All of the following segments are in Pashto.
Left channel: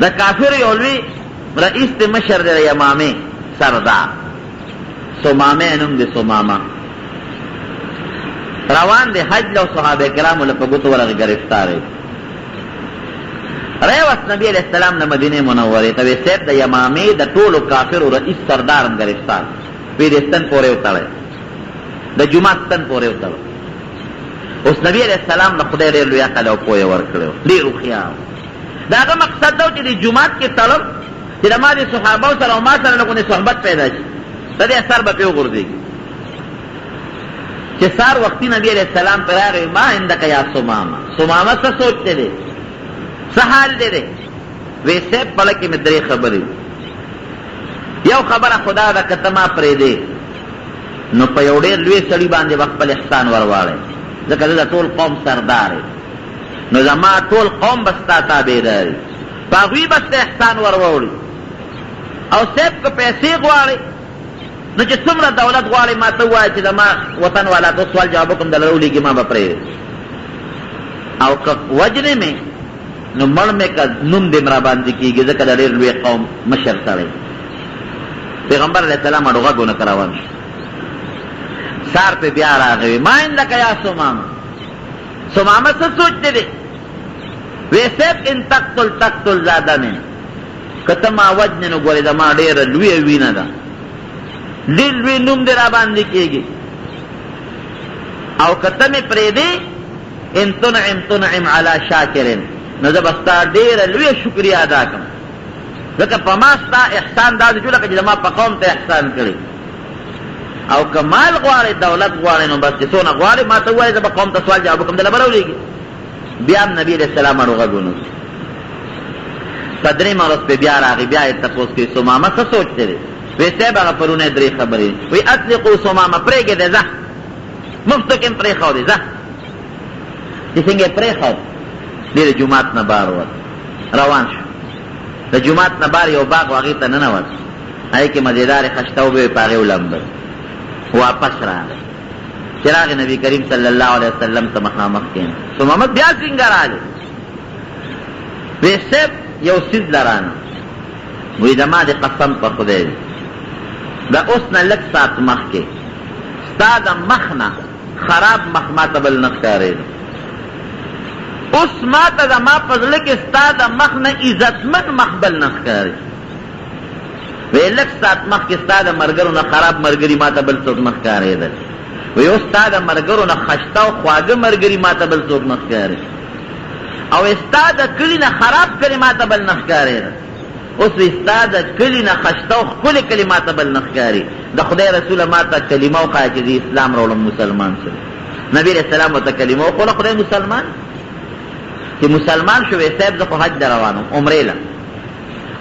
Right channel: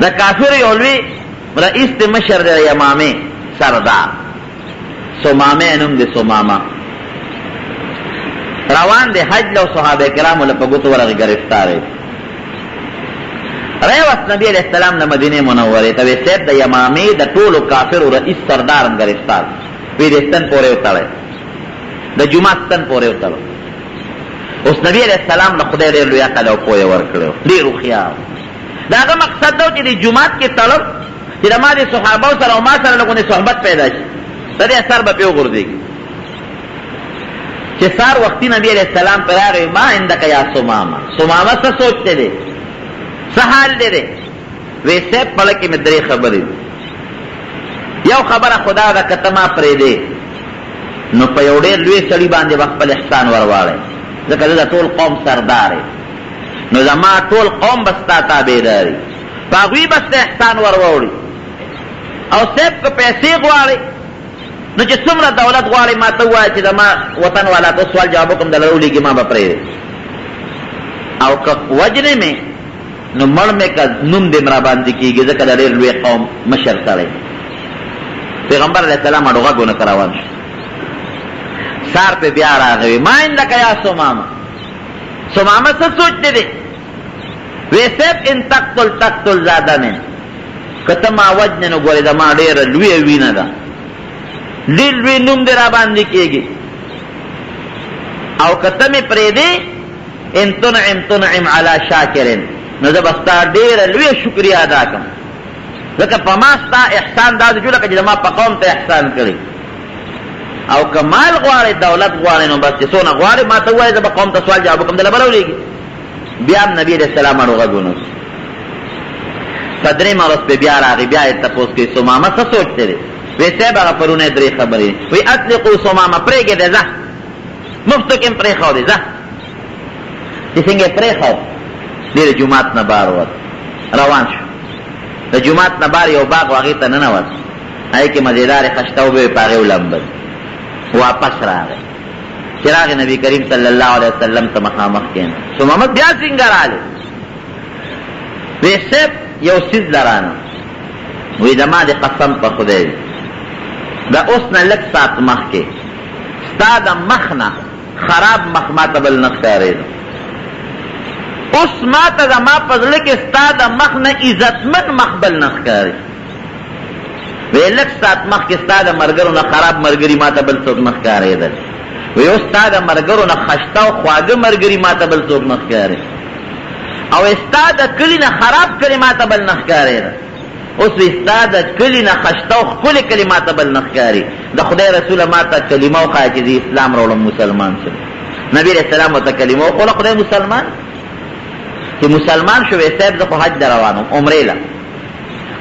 دا کافر یولوی رئیس دی مشر دی یمامه سردار سمامه نم دی سمامه روان دی حج لو صحابه کرامو لپگوتو ورغی گرفتاره ریوست نبی علیہ السلام نا مدینه منوره توی سید دا یمامی دا طولو کافر و رئیس سردارم گرفتار وی دستن پوره اتاله دا جماعت ستن پوره اتاله اس نبی علیہ السلام نا خدای دیر لویا کلو پوه ورکلو دیرو خیام دا اگا مقصد دو چی دی جماعت کی طلب چی دا ما دی صحابه سر و ما سر لگو دی صحبت پیدا شی دا دی اثر با پیو گردیگی چی سار وقتی نبی علیہ السلام پر آگئی ما اندکا یا سماما سماما سا سوچتے دی سحال دے دے ویسے پلکی میں دری خبری یو خبر خدا دا کتما پرے دے نو پیوڑے لوی سڑی باندے وقت پل احسان وروالے ذکر دا طول قوم سردار ہے نو زمان طول قوم بستا تابے داری باغوی بستا احسان وروڑی او سیب کو پیسے گوارے نو چی سمرا دولت گوارے ما توائی چی زمان وطن والا تو سوال جوابکم دلرولی کی ما بپرے او وجنے میں نو مر میں کا نم دے مرا باندې کیږي ځکه د ډېر لوی قوم مشر سره پیغمبر علیہ السلام اډوغه غونه کراوان سار په بیا راغی ما اندک یا سمامه سمامه څه سوچته دي ویسه ان تقتل زادنه کته ما وجن نو ګورې دا ما ډېر لوی وینه ده لوی نوم دې را باندې کیږي او کته می پرې دي ان تنعم علی شاکرین نو زه بستا ډېره لویه شکریه ادا کړم ځکه په ما ستا احسان دا جو لکه چې زما په قوم ته احسان کړی او که مال غواړې دولت غواړې نو بس چې څونه غواړې ما ته ووایې زه به قوم ته سوال جواب وکړم دله به راولېږي بیا هم نبي علیه السلام اړو غږونه په درېیمه ورځ پې بیا راغی بیا یې تپوس کوي سمامه څه سوچ دی وی صاحب هغه پرونه درې خبرې وی اطلقو سمامه پرېږدې ځه مفتو کې هم پرېښودې ځه چې څنګه یې پرېښود دیر جماعت نبار ود روان شو دا جماعت نبار یو باغ واغی تا ننواد ای که مزیدار خشتو بے پاغیو لمبر واپس راگئی چراغ نبی کریم صلی اللہ علیہ وسلم تا مخامخ کین سو محمد بیا سنگر آلے وی سب یو سیز لرانا وی دما دی قسم پا خودے دا اسنا لک سات مخ کے ستا دا مخنا خراب مخمات بل نخکارے دا اس ما تا دا ما پزلے کے ستا دا مخ نا عزتمن مخبل نخکاری وی لک سات مخ کے ستا دا مرگرو نا خراب مرگری ما تا بل سوک نخکاری دا وی استا دا مرگرو نا خشتا و خواگ مرگری ما تا بل سوک نخکاری او استا دا کلی نا خراب کلی ما تا بل نخکاری دا اس وی استا دا کلی نا خشتا و خپل کلی ما تا بل نخکاری دا خدای رسول ما تا کلمہ و خواہ چیزی اسلام رولم مسلمان سر نبی علیہ السلام و تا کلمہ و خواہ خدای مسلمان کہ مسلمان شو صاحب زخو حج در روانو عمره لا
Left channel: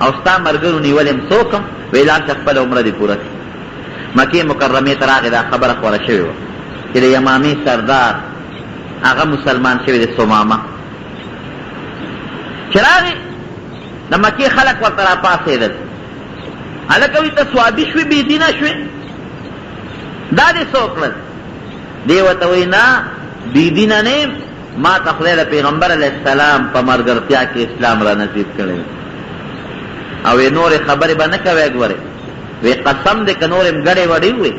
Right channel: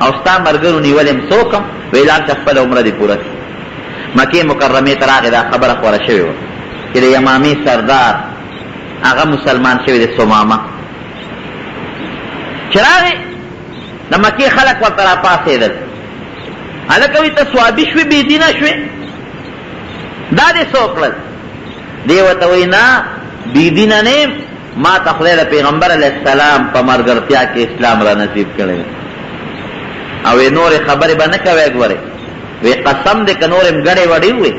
او ستا مرگرو نیولیم سوکم ویلان شفل عمره دی پورا کی مکی مکرمی تراغی دا خبر خورا شوی و کہ دی یمامی سردار آغا مسلمان شوی دی سمامه چراغی دا مکی خلق ورطرا پاسی دل حلکوی تا سوابی شوی بیدینا شوی دا دی سوکلت دیوتوی نا بیدینا نیم ما تخلیل پیغمبر علیہ السلام پا مرگرتیا کے اسلام را نصیب کرے او نور خبر با نکوے گورے وی قسم دے که نورم گڑے وڑی ہوئے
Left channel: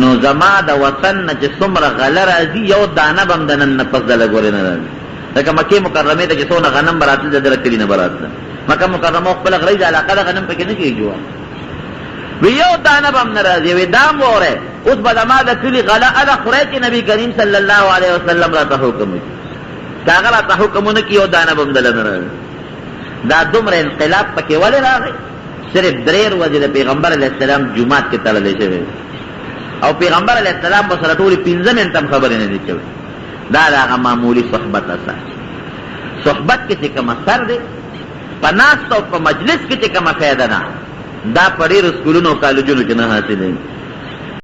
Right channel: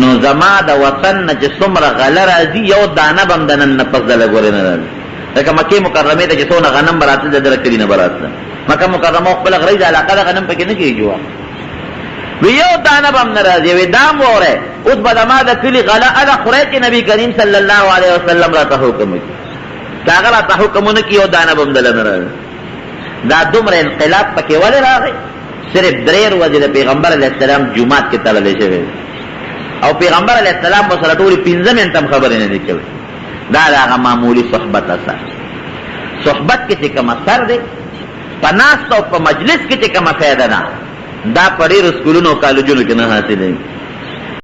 نو زما دا وطن نا چه سمر غلر ازی یو دانا بم دنن نپس دل گورے نرال لیکن مکی مکرمی تا چه سونا غنم براتل دا درکلی نبراتل مکہ مکرمو خپل غریز علاقہ دا غنم پکی نکی جوا وی یو دانا بم نرازی وی دام گورے اس بدما دا کلی غلا ادا خورے نبی کریم صلی اللہ علیہ وسلم را تحکم کی کاغل را تحکم نکی یو دانا بم دل نرازی دا دمر انقلاب پکی والی را گئی صرف دریر وزید پیغمبر علیہ السلام جماعت کی تللے شوئے او پیغمبر علیہ السلام بسر طولی پینزم انتم خبری ندی کوئی دا دا معمولی صحبت اثر صحبت کسی کم اثر دے پا ناست و پا مجلس کسی کم فیدنا دا پڑی رسکولونو کالجونو کی نحاسی دیں